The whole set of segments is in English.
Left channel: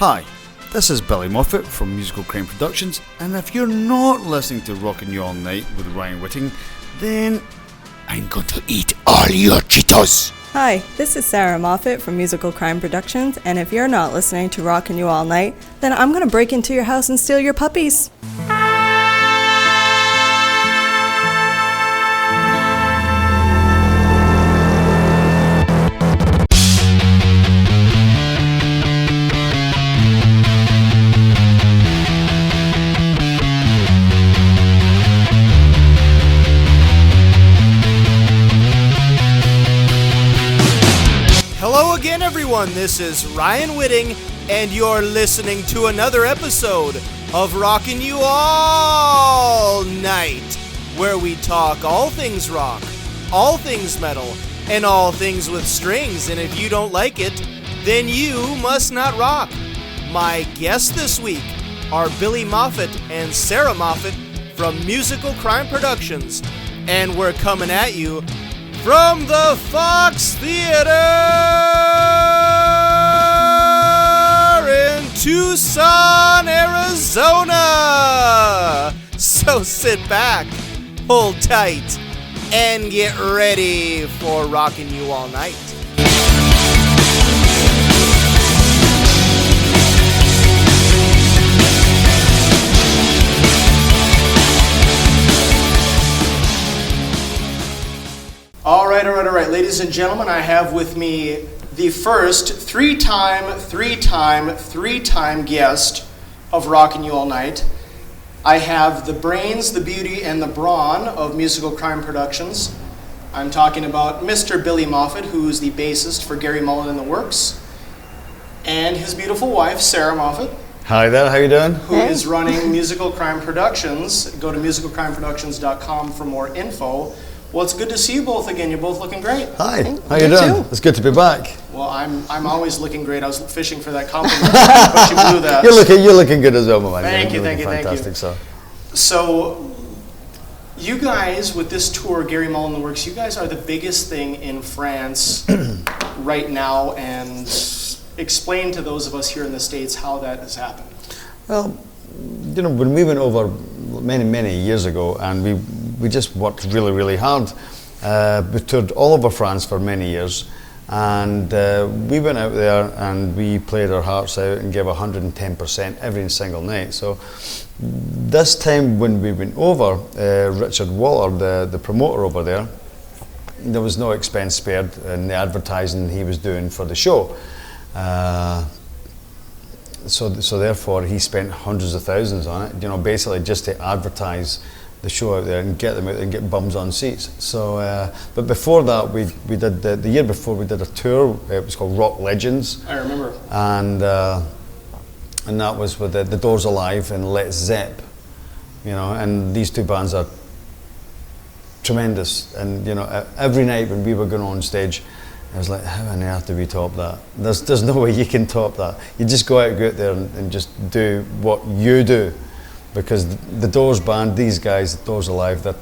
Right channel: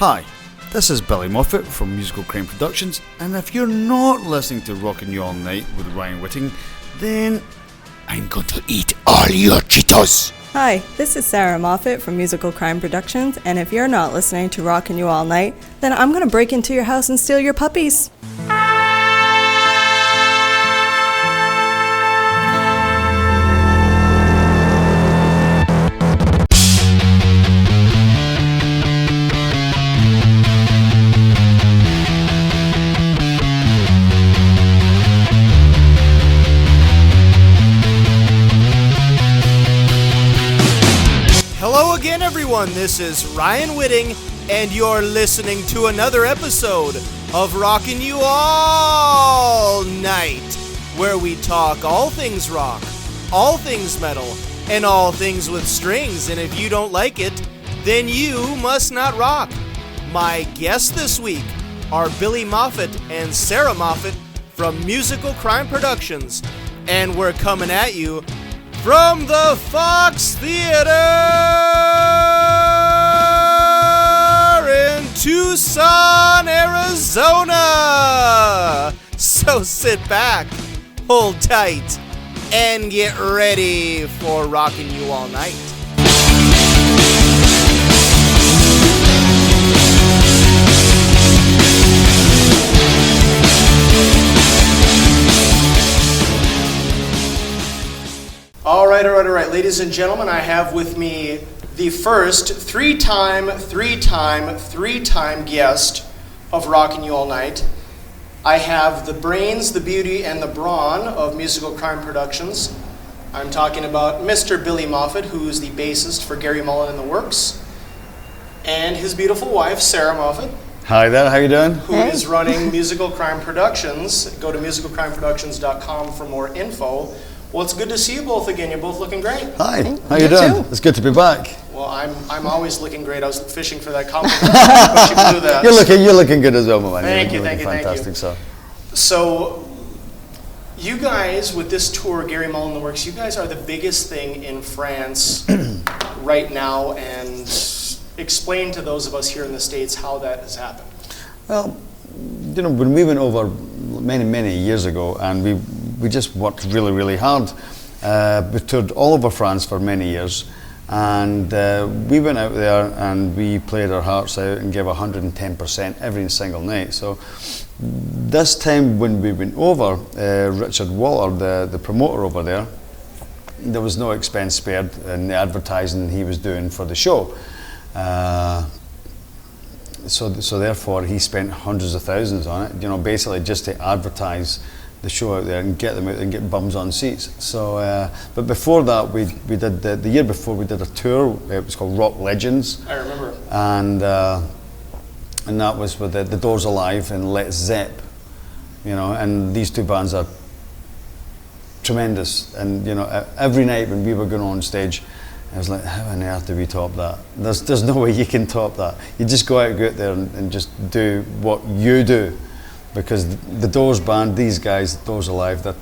Hi, this is Billy Moffat from Musical Crime Productions, and if you're not listening to Rockin You All Night with Ryan Whiting, then I'm going to eat all your Cheetos. Hi, this is Sara Moffat from Musical Crime Productions, and if you're not listening to Rockin You All Night, then I'm going to break into your house and steal your puppies. Hello again, everyone. This is Ryan Whiting, and you're listening to another episode of Rockin You All Night, where we talk all things rock, all things metal, and all things with strings. And if you don't like it, then you must not rock. My guests this week are Billy Moffat and Sara Moffat from Musical Crime Productions, and we're coming at you from the Fox Theater in Tucson, Arizona. So sit back, hold tight, and get ready for Rockin' You All Night. All right, ladies and gentlemen, I have with me the first three-time guest of Rockin' You All Night. I have the brains, the beauty, and the brawn of Musical Crime Productions. I'm talking about Mr. Billy Moffat, who's the bassist for Gary Mullen The Works, and his beautiful wife, Sara Moffat. Hi there, how you doing? Who is running Musical Crime Productions. Go to musicalcrimeproductions.com for more info. Well, it's good to see you both again. You're both looking great. Hi, how you doing? It's good to be back. Well, I'm always looking great. I was fishing for that compliment, but you blew that. You're looking good as well, my man. Thank you. Fantastic, sir. So, you guys with this tour, Gary Mullen The Works, you guys are the biggest thing in France right now, and explain to those of us here in the States how that has happened. Well, you know, when we went over many years ago, and we just worked really hard. We toured all over France for many years, and we went out there and we played our hearts out and gave 110% every single night. So this time when we went over, Richard Waller, the promoter over there was no expense spared in the advertising he was doing for the show. So therefore he spent hundreds of thousands on it, you know, basically just to advertise the show out there and get them out there and get bums on seats. So, but before that, we did the year before we did a tour. It was called Rock Legends. I remember. And that was with the Doors Alive and Let's Zepp, you know. And these two bands are tremendous. And you know, every night when we were going on stage, I was like, how on earth do we top that? There's no way you can top that. You just go out there and just do what you do. Because the Doors band, these guys, the Doors Alive, they're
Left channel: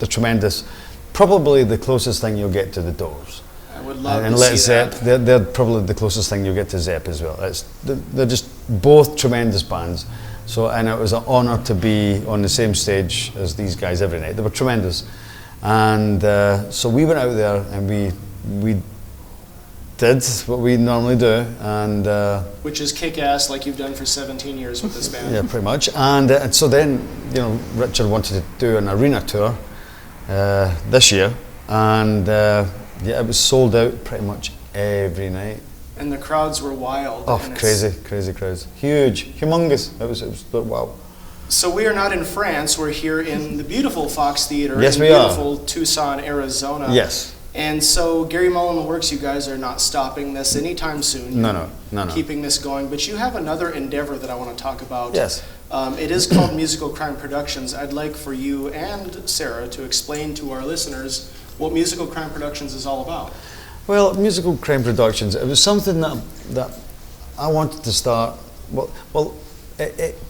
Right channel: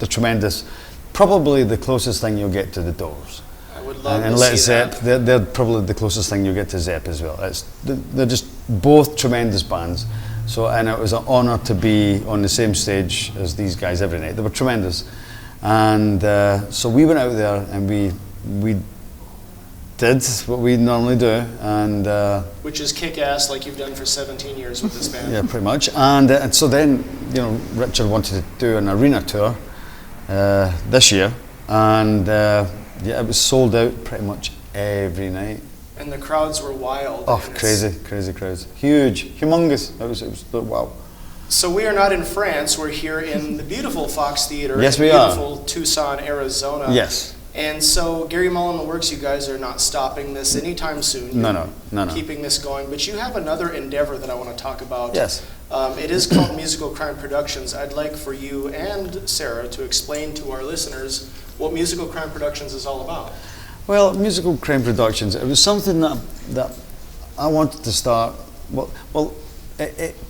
tremendous. Probably the closest thing you'll get to the Doors. I would love and to Let see Zepp, that. they're probably the closest thing you'll get to Zepp as well. They're just both tremendous bands. So, and it was an honour to be on the same stage as these guys every night. They were tremendous. And so we went out there and we did what we normally do, and which is kick ass, like you've done for 17 years with this band. Yeah, pretty much. And so then, you know, Richard wanted to do an arena tour this year, and yeah, it was sold out pretty much every night. And the crowds were wild. Oh, crazy crowds, huge, humongous. It was wow. So we are not in France. We're here in the beautiful Fox Theater. Yes, in we are. Beautiful Tucson, Arizona. Yes. And so Gary Mullen The Works, you guys are not stopping this anytime soon. No. Keeping this going. But you have another endeavor that I want to talk about. Yes. It is called Musical Crime Productions. I'd like for you and Sara to explain to our listeners what Musical Crime Productions is all about. Well, Musical Crime Productions, it was something that I wanted to start. Well, it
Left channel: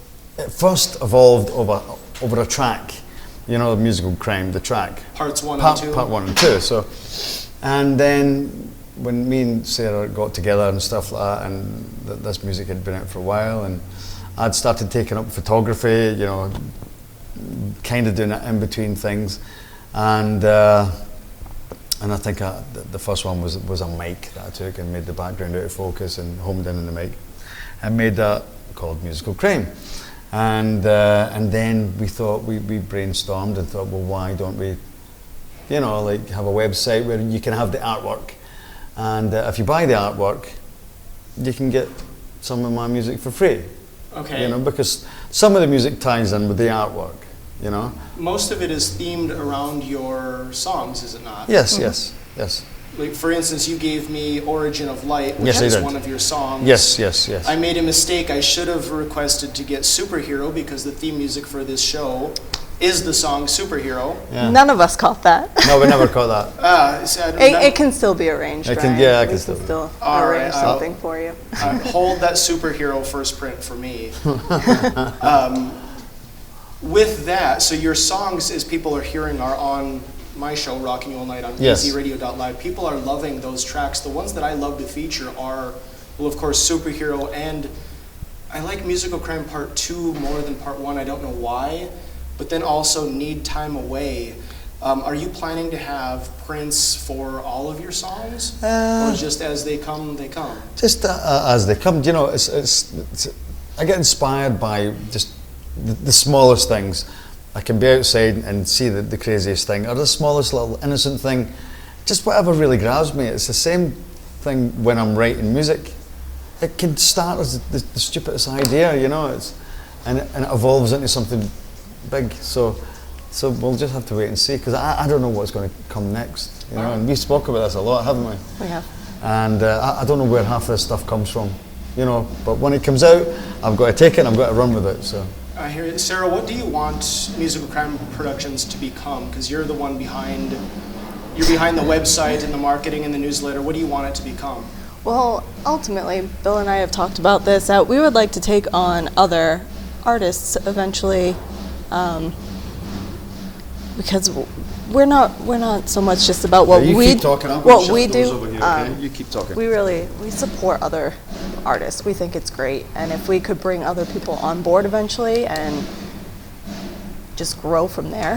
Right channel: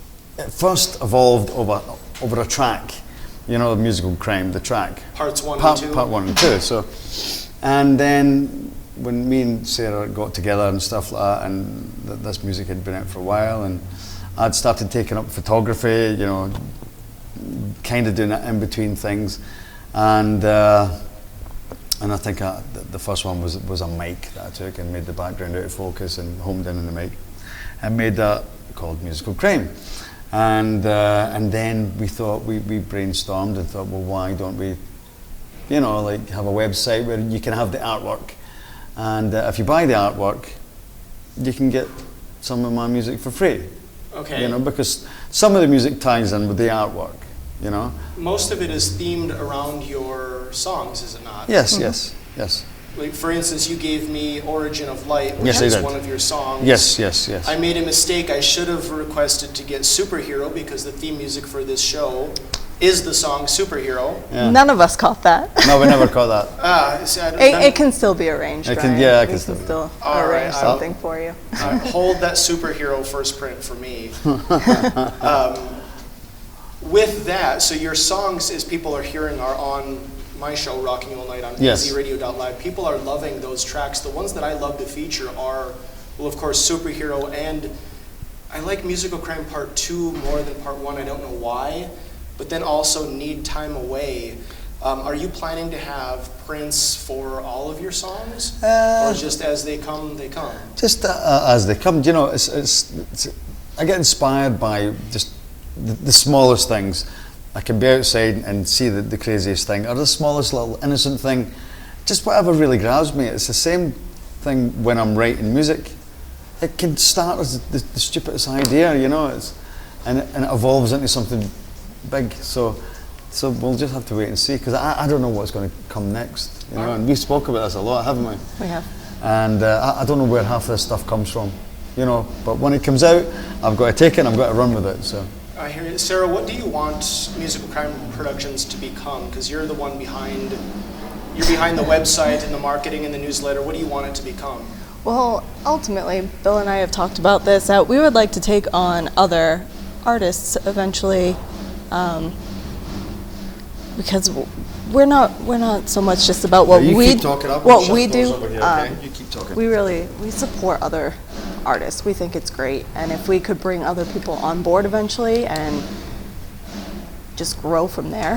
first evolved over a track. You know, Musical Crime, the track. Parts 1 and 2. Part 1 and 2. So, and then when me and Sara got together and stuff like that, and this music had been out for a while, and I'd started taking up photography, you know, kind of doing it in between things, and I think the first one was a mic that I took and made the background out of focus and homed in on the mic, and made that called Musical Crime, and then we thought we brainstormed and thought, well, why don't we, you know, like have a website where you can have the artwork, and if you buy the artwork, you can get some of my music for free. Okay. You know, because some of the music ties in with the artwork, you know. Most of it is themed around your songs, is it not? Yes. Like, for instance, you gave me Origin of Light, which Yes, I is did. one of your songs. Yes. I made a mistake. I should have requested to get Superhero because the theme music for this show is the song Superhero. Yeah. None of us caught that. No, we never caught that. So It can still be arranged. I can still do it. All right. For you. Hold that Superhero first print for me. With that, so your songs, as people are hearing, are on my show, Rockin You All Night, on Yes. easyradio.live. People are loving those tracks. The ones that I love to feature are, well, of course, Superhero, and I like Musical Crime Part 2 more than Part 1. I don't know why, but then also Need Time Away. Are you planning to have prints for all of your songs? Or just as they come, they come? Just as they come, you know, it's I get inspired by just the smallest things. I can be outside and see the craziest thing, or the smallest little innocent thing, just whatever really grabs me. It's the same thing when I'm writing music. It can start as the stupidest idea, you know, and it evolves into something big. So we'll just have to wait and see, because I don't know what's going to come next, you know. And we spoke about this a lot, haven't we? And I don't know where half this stuff comes from, you know. But when it comes out, I've got to take it and I've got to run with it. So. I hear you. Sara, what do you want Musical Crime Productions to become? Because you're the one behind the website and the marketing and the newsletter. What do you want it to become? Well, ultimately, Bill and I have talked about this, that we would like to take on other artists eventually. Because we're not so much just about what You we- keep talking. I'm going what to shut we doors do. over here, okay? You keep talking. We really support other artists. We think it's great, and if we could bring other people on board eventually and just grow from there.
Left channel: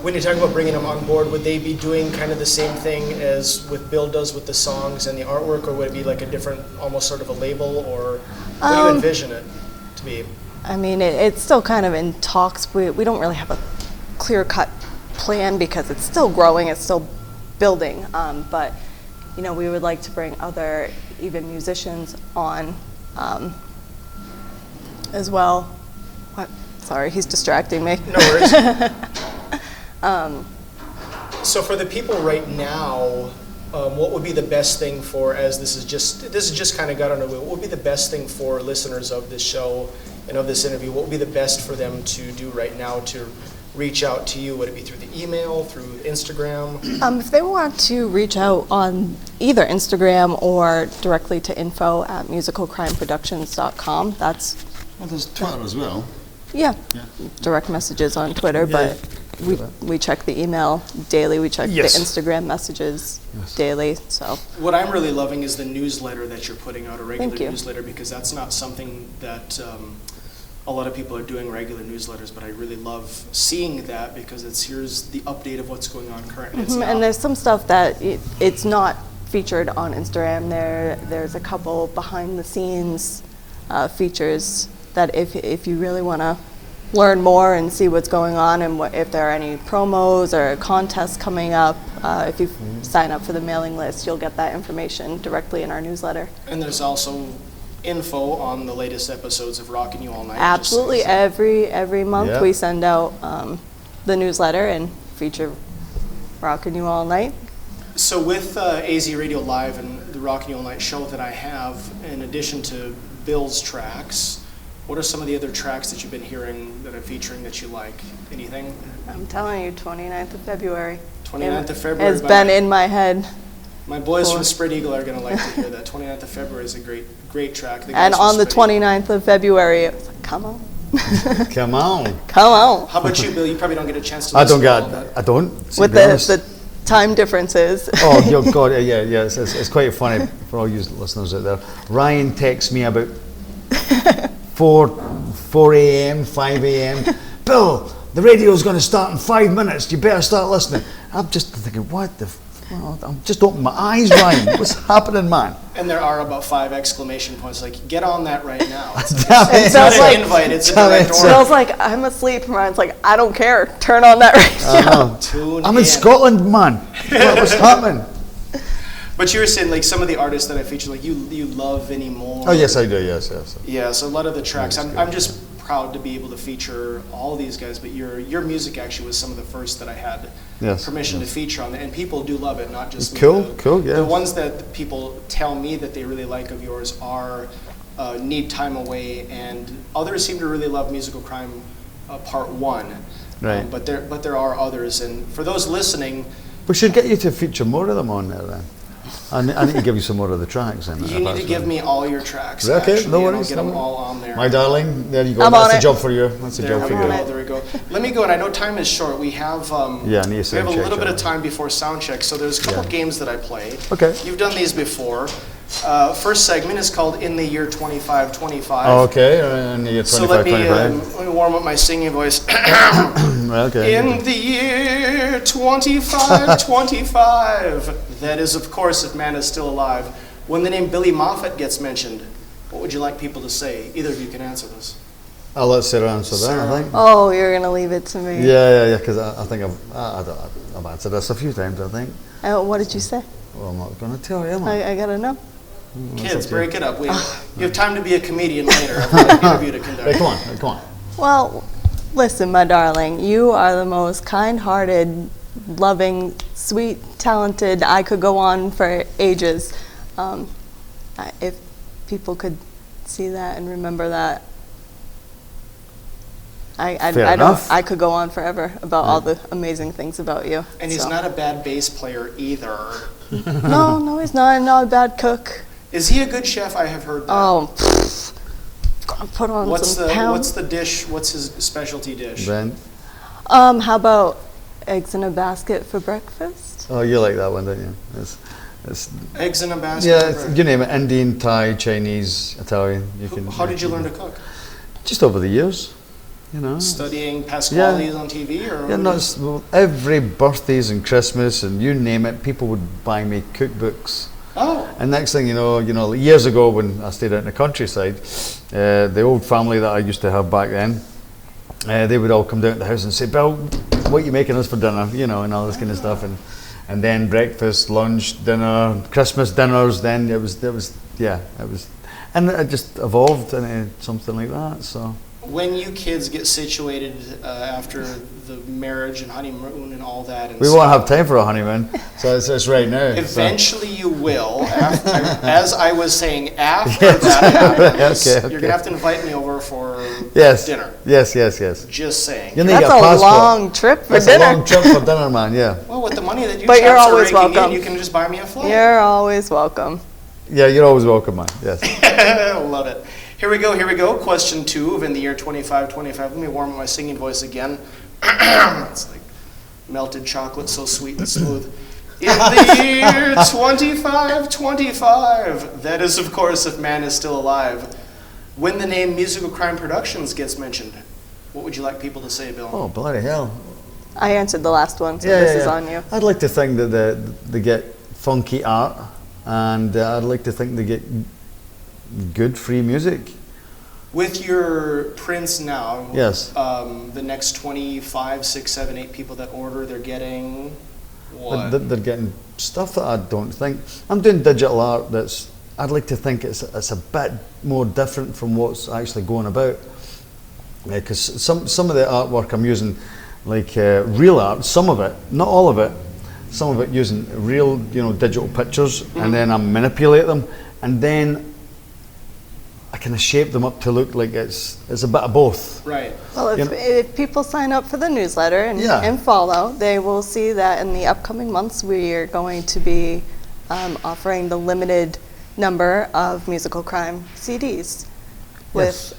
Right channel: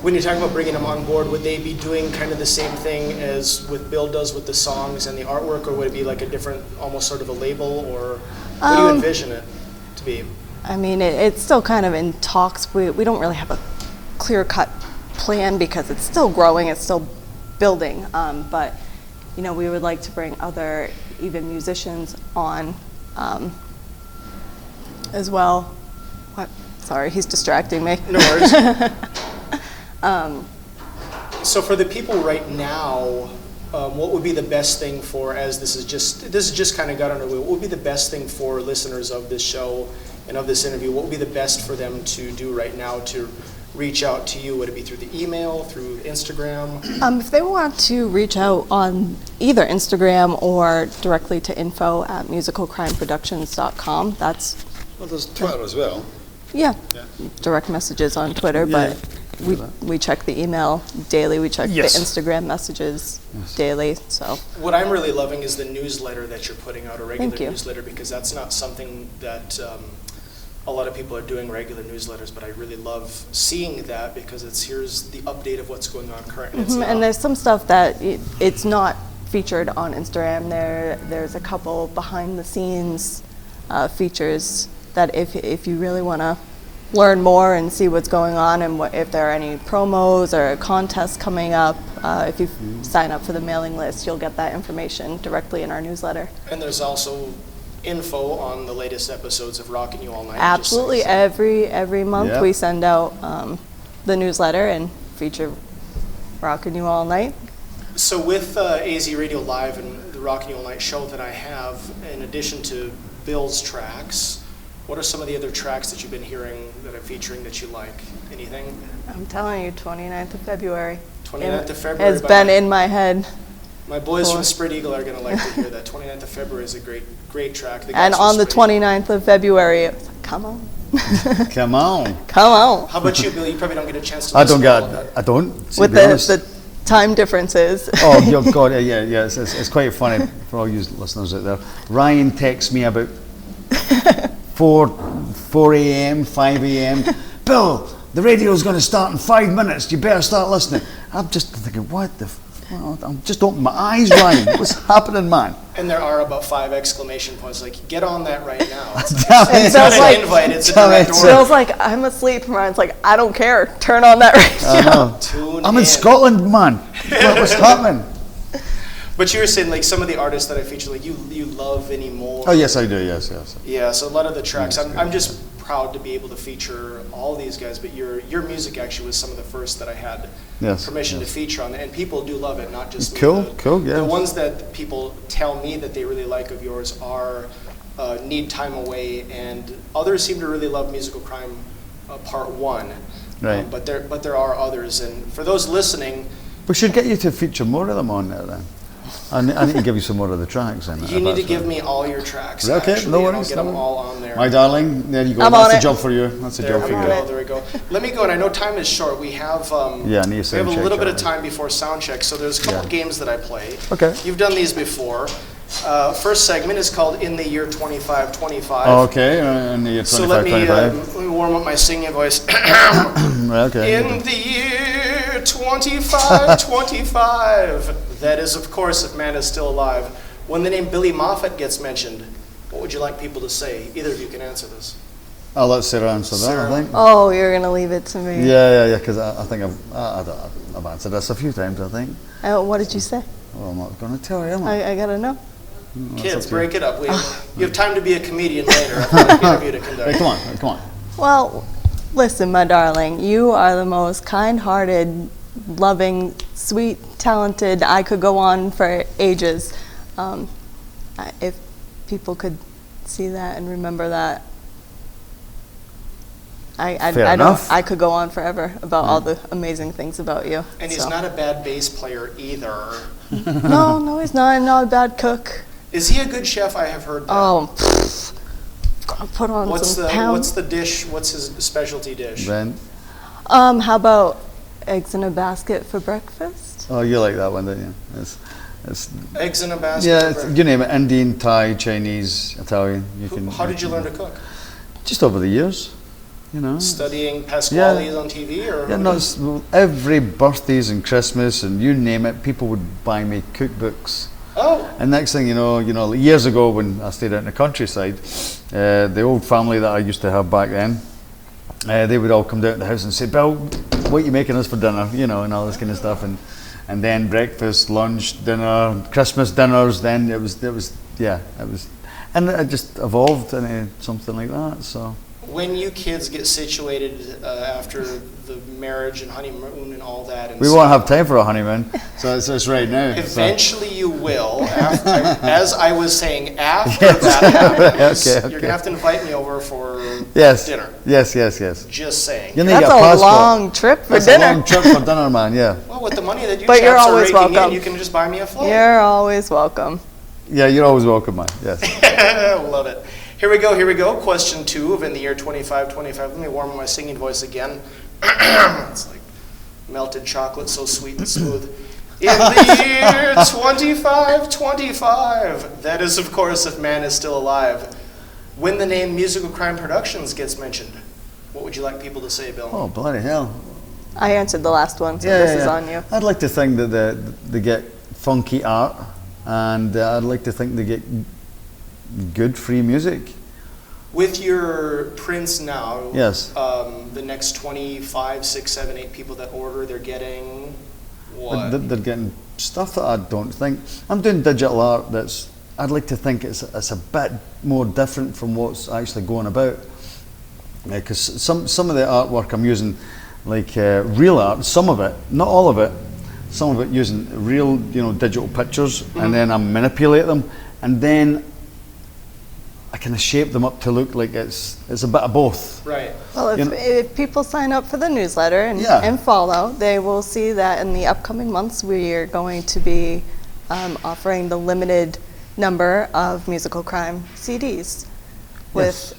When you're talking about bringing them on board, would they be doing kind of the same thing as with Bill does with the songs and the artwork, or would it be like a different, almost sort of a label, or what do you envision it to be? I mean, it's still kind of in talks. We don't really have a clear-cut plan because it's still growing, it's still building. But, you know, we would like to bring other, even musicians on as well. Sorry, he's distracting me. No worries. So for the people right now, what would be the best thing for, as this is just kind of got underway, what would be the best thing for listeners of this show and of this interview? What would be the best for them to do right now to reach out to you? Would it be through the email, through Instagram? If they want to reach out on either Instagram or directly to info@musicalcrimeproductions.com, that's, Well, there's Twitter as well. yeah, Yeah. direct messages. Yeah. Can do that. We check the email daily, we check Yes. Instagram messages daily. What I'm really loving is the newsletter that you're putting out, a regular newsletter, because that's not something that a lot of people are doing, regular newsletters, but I really love seeing that because here's the update of what's going on current, and it's not... And there's some stuff that is not featured on Instagram. There's a couple behind the scenes features that if you really want to learn more and see what's going on and if there are any promos or contests coming up, if you sign up for the mailing list, you'll get that information directly in our newsletter. And there's also info on the latest episodes of Rockin You All Night. Absolutely. Just saying. Every month Yep. we send out the newsletter and feature Rockin You All Night. So with AZ Radio Live and the Rockin You All Night show that I have, in addition to Bill's tracks, what are some of the other tracks that you've been hearing that I'm featuring that you like? Anything? I'm telling you, 29th of February. 29th of February by It's been in my head. my boys from Spread Eagle are going to like to hear that. 29th of February is a great track. The guys from And on Spread the Eagle. 29th of February, come on. Come on. How about you, Bill? You probably don't get a chance to I listen don't to all of get. it. I don't. See, to be honest. Time differences. Oh, God, yeah. It's quite funny for all you listeners out there. Ryan texts me about 4 a.m., 5 a.m. Bill, the radio's going to start in 5 minutes. You better start listening. I'm just thinking, what the? Well, I'm just opening my eyes, Ryan. What's happening, man? And there are about 5 exclamation points. Like, get on that right now. It's not an invite. It's a direct order. I was like, I'm asleep. Ryan's like, I don't care. Turn on that radio. I know. I'm in in. Scotland, man. What's happening? But you were saying, like, some of the artists that I feature, like, you love anymore. Oh, yes, I do. Yes. Yeah, so a lot of the tracks. Yes, I'm just proud to be able to feature all these guys, but your music actually was some of the first that I had permission to feature on, and people do love it, not just me. Cool, yeah. The ones that people tell me that they really like of yours are Need Time Away, and others seem to really love Musical Crime Part 1. Right. But there are others, and for those listening... We should get you to feature more of them on there then. I need to give you some more of the tracks. You need to give me all your tracks. Okay, actually, no worries. And I'll get them all on there. My darling, there you go. That's the job for you. There we go. Let me go, and I know time is short. We have I need a sound a check, little bit of Charlie. time before sound check, so there's a couple of games that I play. Okay. You've done these before. First segment is called In the Year 2525. Okay, in the year 25, So let me 25. let me warm up my singing voice. Okay. In the year 2525, that is, of course, if man is still alive. When the name Billy Moffat gets mentioned, what would you like people to say? Either of you can answer this. I'll let Sarah answer that, Sarah. I think. Oh, you're going to leave it to me. Yeah, because I think I've answered this a few times, I think. Oh, what did you say? Well, I'm not going to tell you, am I? I don't know. Kids, break it up. You have time to be a comedian later. I've got an interview to conduct. Hey, come on. Well, listen, my darling, you are the most kind-hearted, loving, sweet, talented. I could go on for ages. If people could see that and remember that. Fair enough. I could go on forever about all the amazing things about you. And he's not a bad bass player either. Oh, he's not a bad cook. Is he a good chef? I have heard that. Oh. What's the dish? What's his specialty dish? Ben? How about eggs in a basket for breakfast? Oh, you like that one, don't you? It's Eggs in a basket. yeah, for you name it. Indian, Thai, Chinese, Italian. How did you learn to cook? Just over the years, you know. Studying Pasquale's on TV, or Yeah, no, every birthdays and Christmas and you name it, people would buy me cookbooks. Oh, And next thing you know, years ago when I stayed out in the countryside, the old family that I used to have back then, they would all come down to the house and say, "Bill, what are you making us for dinner?" And all this kind of stuff, and then breakfast, lunch, dinner, Christmas dinners. Then it was, and it just evolved into something like that. So. when you kids get situated after the marriage and honeymoon and all that, and We won't have time for a honeymoon, so it's right now. Eventually you will. As I was saying, after that happens, Okay. you're going to have to invite me over for dinner. Yes. Just saying. You need to get a passport. Long trip. That's a long trip for dinner, man, yeah. Well, with the money that you But chaps you're are always raking in, welcome. you can just buy me a flight. You're always welcome. Yeah, you're always welcome, man, yes. Love it. Here we go. Question 2 of In the Year 2525. Let me warm up my singing voice again. It's like melted chocolate, so sweet and smooth. In the year 2525, that is, of course, if man is still alive. When the name Musical Crime Productions gets mentioned, what would you like people to say, Bill? Oh, bloody hell. I answered the last one. Yeah. I'd like to think that they get funky art, and I'd like to think they get good free music. With your prints now, Yes. The next 25, 6, 7, 8 people that order, they're getting what? They're getting stuff that I don't think. I'm doing digital art I'd like to think it's a bit more different from what's actually going about. Because some of the artwork I'm using, like real art, some of it, not all of it, some of it using real, digital pictures, and then I manipulate them, and then I kind of shape them up to look like it's a bit of both. Right. Well, if people sign up for the newsletter and follow, they will see that in the upcoming months we are going to be offering the limited number of musical crime CDs. Yes.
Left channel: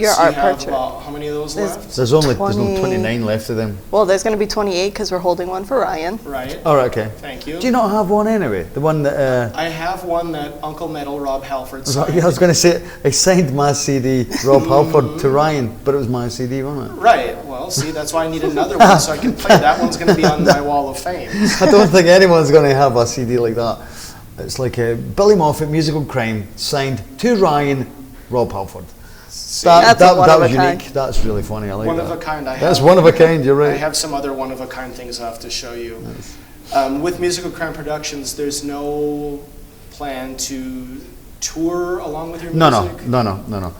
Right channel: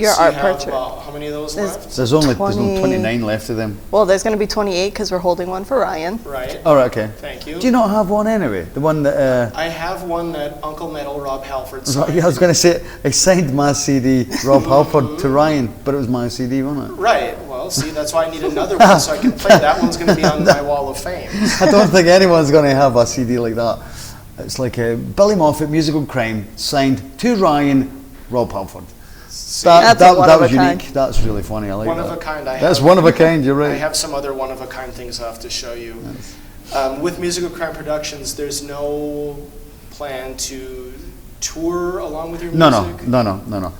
So you have about how many of those left? There's only 29 left of them. Well, there's going to be 28 because we're holding one for Ryan. Right. All right, okay. Thank you. Do you not have one anyway? The one that... I have one that Uncle Metal Rob Halford Yeah, signed. I was going to say, I signed my CD, Rob Halford, to Ryan, but it was my CD, wasn't it? Right. Well, see, that's why I need another one so I can play. That one's going to be on my wall of fame. I don't think anyone's going to have a CD like that. It's like a Billy Moffat, Musical Crime, signed to Ryan, Rob Halford. See? That was unique. That's really funny. I like One that. of a kind. That's one of a kind. You're right. I have some other one of a kind things I have to show you. Yes. With Musical Crime Productions, there's no plan to tour along with your music? No.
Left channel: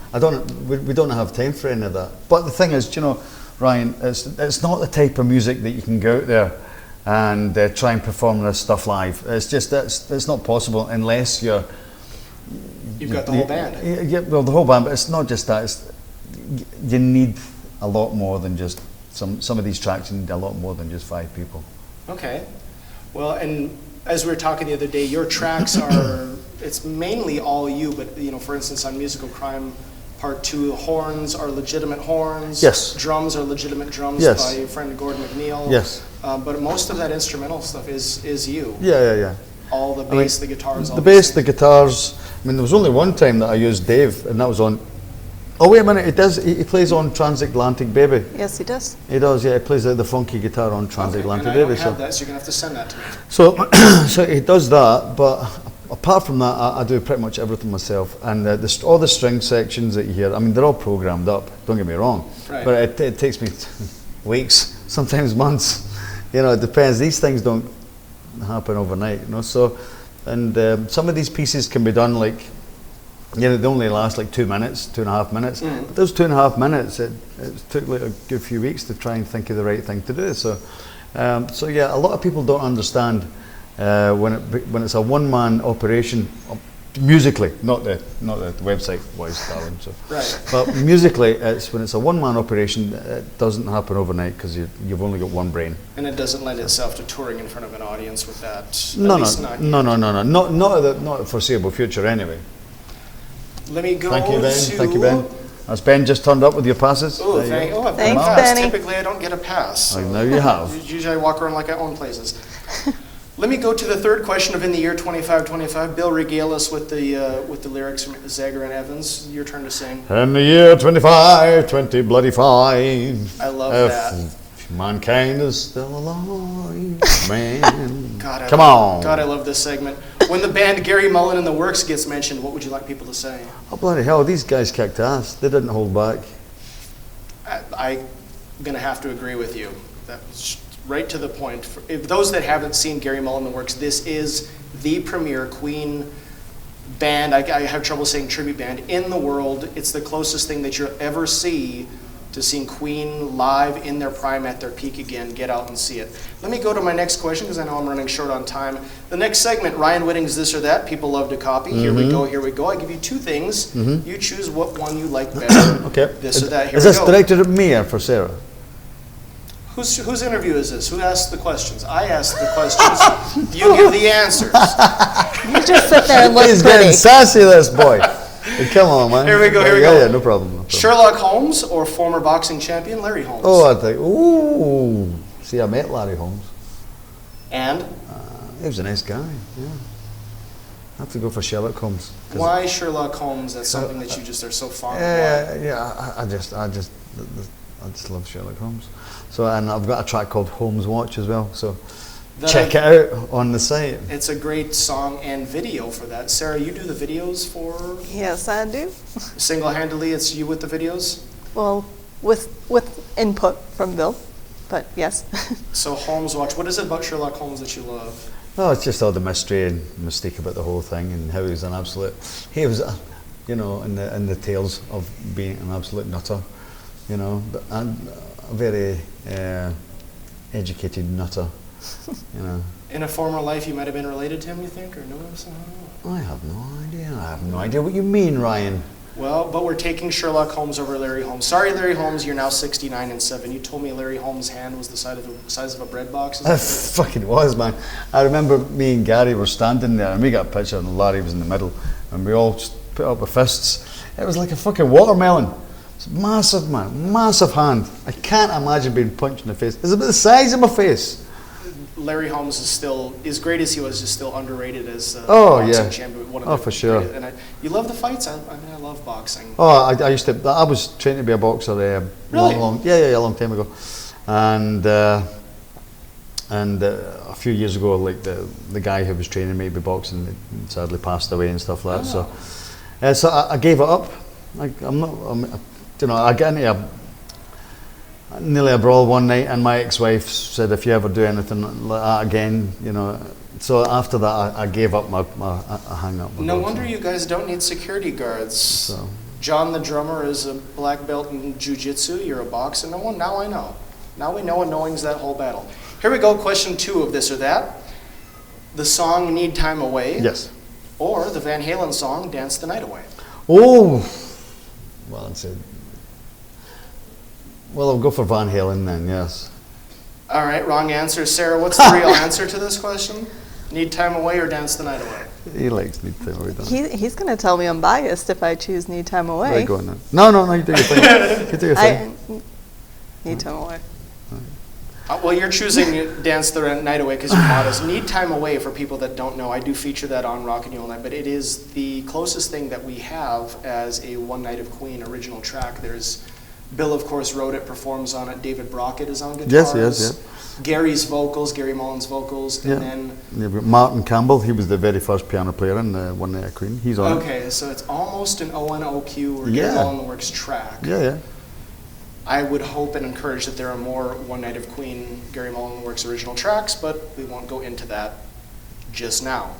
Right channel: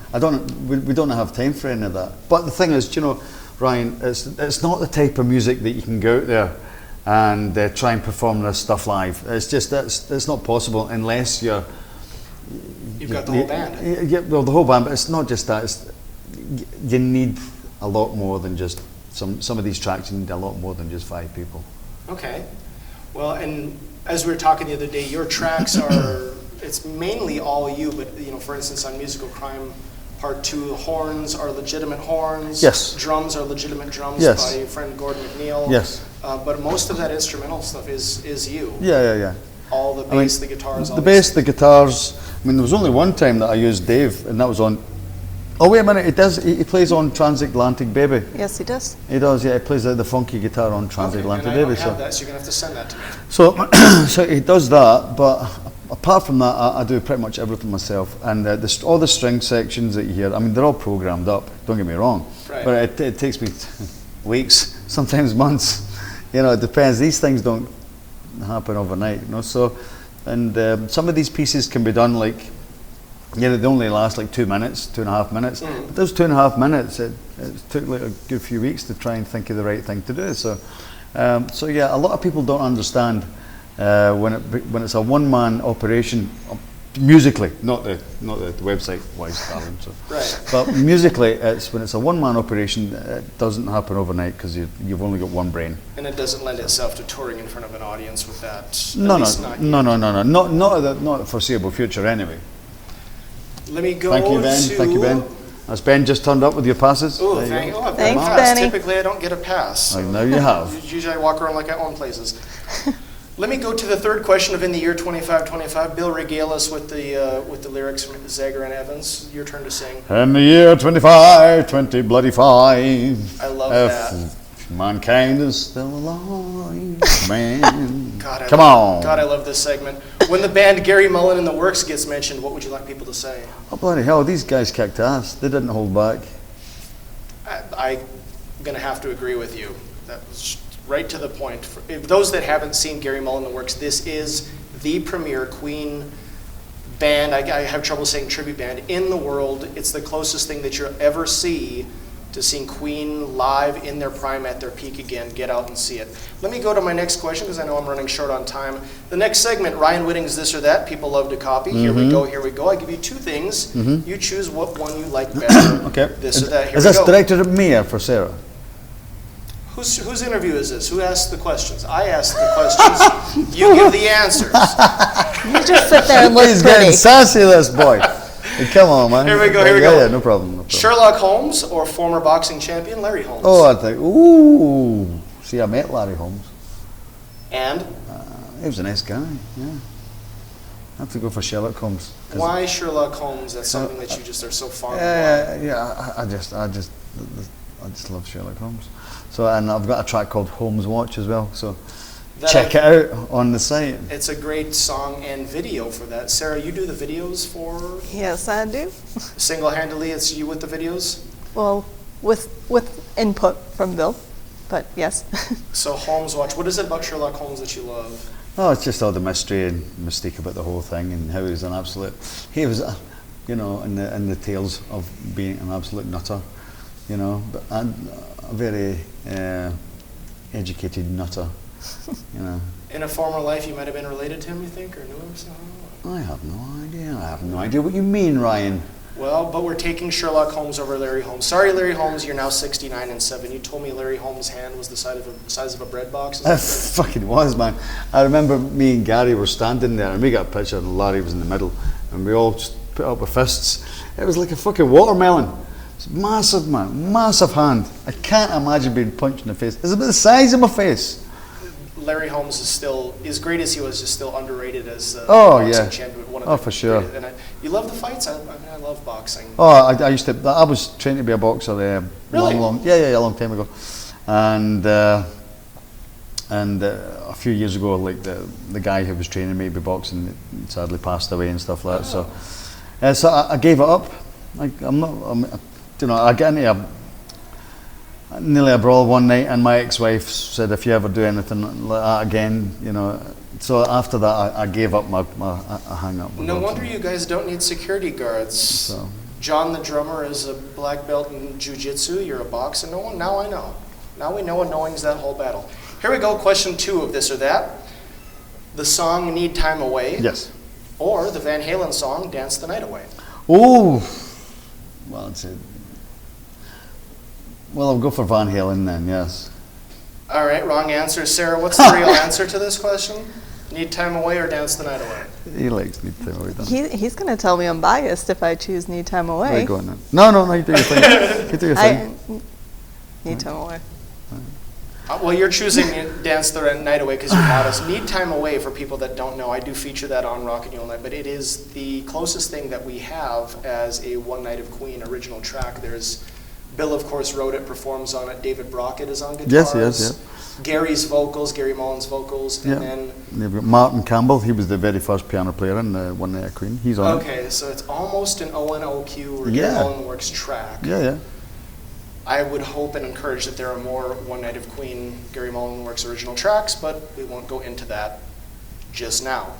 We don't have time for any of that. But the thing is, you know, Ryan, it's not the type of music that you can go out there and try and perform this stuff live. It's just it's not possible unless you've got the whole band. Yeah, well, the whole band, but it's not just that. You need a lot more than just some of these tracks. You need a lot more than just 5 people. Okay. Well, and as we were talking the other day, your tracks are, it's mainly all you, but, you know, for instance, on Musical Crime Part 2, the horns are legitimate horns. Yes. Drums are legitimate drums Yes. by your friend Gordon McNeil. Yes. But most of that instrumental stuff is you. Yeah. All the bass, the guitars, all the these bass, the things. guitars. I mean, there was only one time that I used Dave, and that was on. Oh wait a minute, it does. He plays on Transatlantic Baby. He does, yeah. He plays the funky guitar on Transatlantic and Baby. I don't have that, so you're gonna have to send that to me. So he does that, but apart from that, I do pretty much everything myself. And all the string sections that you hear, I mean, they're all programmed up. Don't get me wrong, Right. but it takes me weeks, sometimes months. You know, it depends. These things don't happen overnight, you know. So, and some of these pieces can be done like, you know, they only last like 2 minutes, 2.5 minutes. But those 2.5 minutes, it took like a good few weeks to try and think of the right thing to do. So yeah, a lot of people don't understand when it's a one-man operation musically, not the website wise, darling. So, Right. but musically, it's when it's a one-man operation, it doesn't happen overnight because you've only got one brain. And it doesn't lend itself to touring in front of an audience with that. No, At least not yet. not the foreseeable future anyway. Let me go Thank you, Ben. to... Thank you, Ben. Has Ben just turned up with your passes? Oh, There you go. I've got Come a on. pass. Typically, I don't get a pass. So Now you have. Usually, I walk around like I own places. Let me go to the third question of In the Year 2525. Bill, regale us with the lyrics from Zager and Evans. Your turn to sing. In the year 20 bloody 5. I love that. Mankind is still alive, man. God, I love this segment. When the band Gary Mullen The Works gets mentioned, what would you like people to say? Oh, bloody hell, these guys kicked ass. They didn't hold back. I'm going to have to agree with you. That was right to the point. If those that haven't seen Gary Mullen The Works, this is the premier Queen band, I have trouble saying tribute band, in the world. It's the closest thing that you'll ever see to seeing Queen live in their prime at their peak again. Get out and see it. Let me go to my next question because I know I'm running short on time. The next segment, Ryan Whitting's This or That. People love to copy. Here we go. I give you 2 things. You choose what one you like better. Okay. This or that. Here Is we this go. directed at me or for Sarah? Whose interview is this? Who asked the questions? I asked the questions. You give the answers. He's getting sassy, this boy. Hey, come on, man. Here we go. Yeah, no problem. Sherlock Holmes or former boxing champion Larry Holmes? Oh, I think, ooh. See, I met Larry Holmes. And? He was a nice guy, yeah. I have to go for Sherlock Holmes. Why Sherlock Holmes? That's something that you just are so fond of. Yeah. I just love Sherlock Holmes. So, and I've got a track called Holmes Watch as well. So, check it out on the site. It's a great song and video for that. Sarah, you do the videos for? Yes, I do. Single-handedly, it's you with the videos? Well, with input from Bill, but yes. So Holmes Watch, what is it about Sherlock Holmes that you love? Oh, it's just all the mystery and mystique about the whole thing, and how he was in the tales of being an absolute nutter, you know, but and a very educated nutter, you know. In a former life, you might have been related to him, you think, or knew him somehow? I have no idea what you mean, Ryan. Well, but we're taking Sherlock Holmes over Larry Holmes. Sorry, Larry Holmes, you're now 69 and 7. You told me Larry Holmes' hand was the size of a bread box. It fucking was, man. I remember me and Gary were standing there, and we got a picture, and Larry was in the middle, and we all just put up our fists. It was like a fucking watermelon. Massive, man. Massive hand. I can't imagine being punched in the face. It's about the size of my face. Larry Holmes is still, as great as he was, just still underrated as boxing champion. One of Oh, the for sure. greatest. And you love the fights? I mean, I love boxing. Oh, I used to. I was trained to be a boxer. Really? A long time ago, and a few years ago, like the guy who was training me to be boxing sadly passed away and stuff like that. So I gave it up. I got into nearly a brawl one night, and my ex-wife said, "If you ever do anything like that again, So after that, I gave up I hung up. No wonder you guys don't need security guards. So. John the drummer is a black belt in jiu-jitsu. You're a boxer. No one. Now I know. Now we know, and knowing's that whole battle. Here we go. Question 2 of this or that. The song "Need Time Away." Yes. Or the Van Halen song "Dance the Night Away." Oh. Well, I'll go for Van Halen then. Yes. All right, wrong answer. Sarah, what's the real answer to this question? Need Time Away or Dance the Night Away? He likes Need Time Away, doesn't he? He's going to tell me I'm biased if I choose Need Time Away. Right, go on then. No, you do your thing. You do your thing. Need Time Away. Well, you're choosing Dance the Night Away because you're modest. Need Time Away, for people that don't know, I do feature that on Rockin You All Night, but it is the closest thing that we have as a One Night of Queen original track. There's Bill, of course, wrote it, performs on it. David Brockett is on guitars. Yes. Gary's vocals, Gary Mullen's vocals, and then you've got Martin Campbell. He was the very first piano player in One Night of Queen. He's on it. Okay, so it's almost an ONOQ or Gary Mullen The Works track. Yeah. I would hope and encourage that there are more One Night of Queen, Gary Mullen The Works original tracks, but we won't go into that just now.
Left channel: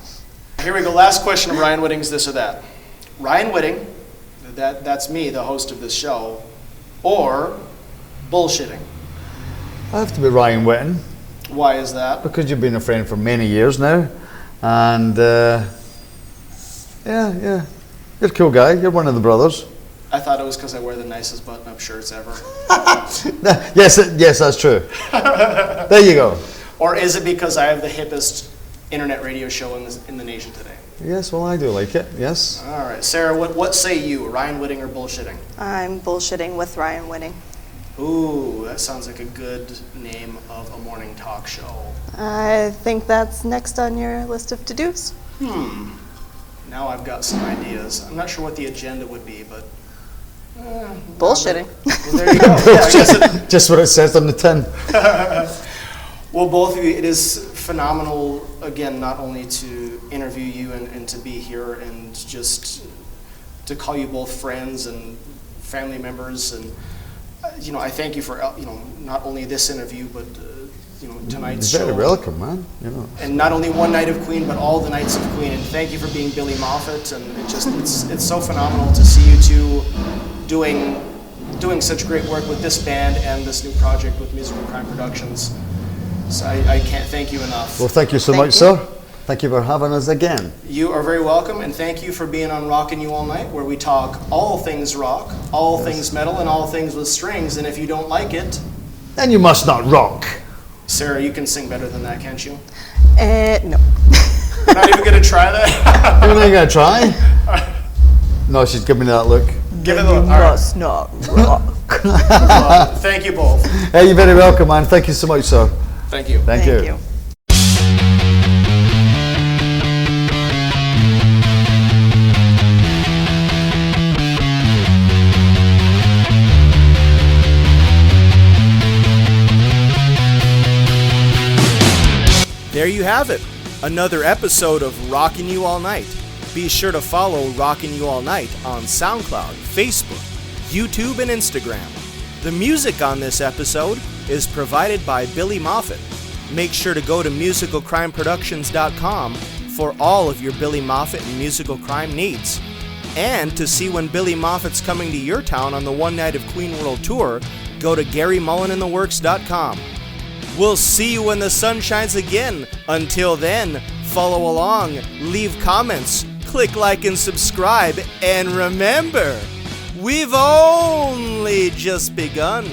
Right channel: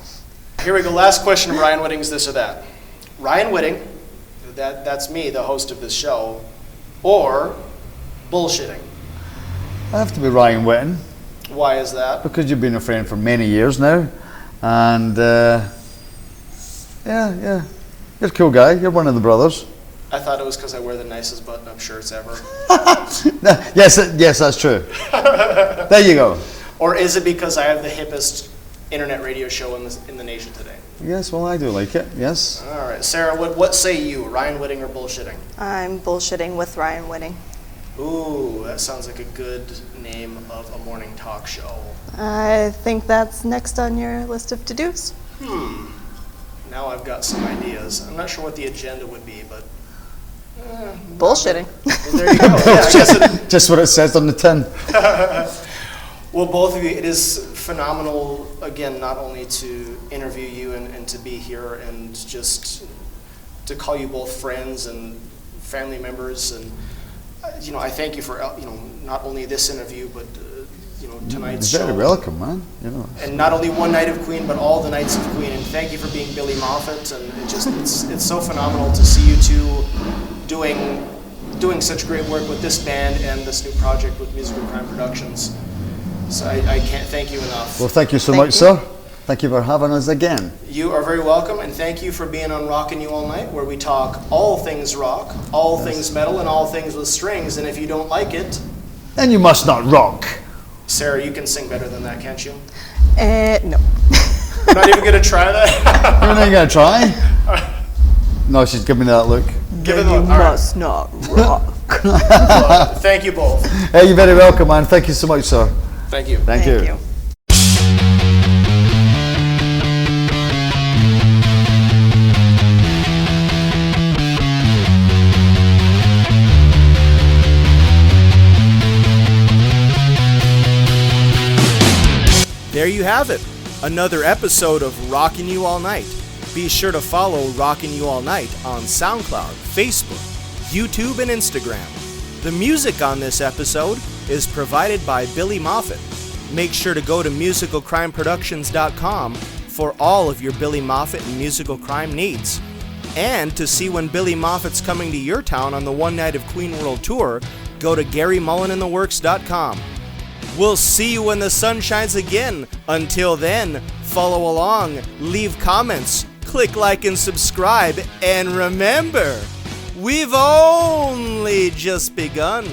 Here we go. Last question of Ryan Whitting's This or That. Ryan Whitting, that's me, the host of this show, or bullshitting? I have to be Ryan Whitting. Why is that? Because you've been a friend for many years now, and yeah, you're a cool guy. You're one of the brothers. I thought it was because I wear the nicest button-up shirts ever. Yes, that's true. There you go. Or is it because I have the hippest internet radio show in the nation today? Yes, well, I do like it. Yes. All right, Sarah, what say you? Ryan Whitting or bullshitting? I'm bullshitting with Ryan Whitting. Ooh, that sounds like a good name of a morning talk show. I think that's next on your list of to-dos. Now I've got some ideas. I'm not sure what the agenda would be, but well, there you go. Yeah, I guess just what it says on the tin. Well, both of you, it is phenomenal, again, not only to interview you and to be here and just to call you both friends and family members. And, I thank you for, not only this interview, but, tonight's show. You're very welcome, man. And not only One Night of Queen, but all the Nights of Queen. And thank you for being Billy Moffat. And it's so phenomenal to see you two doing such great work with this band and this new project with Musical Crime Productions. So I can't thank you enough. Well, thank you so much, sir. Thank you for having us again. You are very welcome, and thank you for being on Rockin You All Night, where we talk all things rock, all things metal, and all things with strings. And if you don't like it, then you must not rock. Sarah, you can sing better than that, can't you? We're not even going to try that? You're not going to try? No, she's giving me that look. Give it a look. All right. Well, thank you both. Hey, you're very welcome, man. Thank you so much, sir. Thank you. Thank you. There you have it. Another episode of Rockin You All Night. Be sure to follow Rockin You All Night on SoundCloud, Facebook, YouTube, and Instagram. The music on this episode is provided by Billy Moffat. Make sure to go to musicalcrimeproductions.com for all of your Billy Moffat and musical crime needs. And to see when Billy Moffat's coming to your town on the One Night of Queen World Tour, go to GaryMullenTheWorks.com. We'll see you when the sun shines again. Until then, follow along, leave comments, click like and subscribe, and remember, we've only just begun.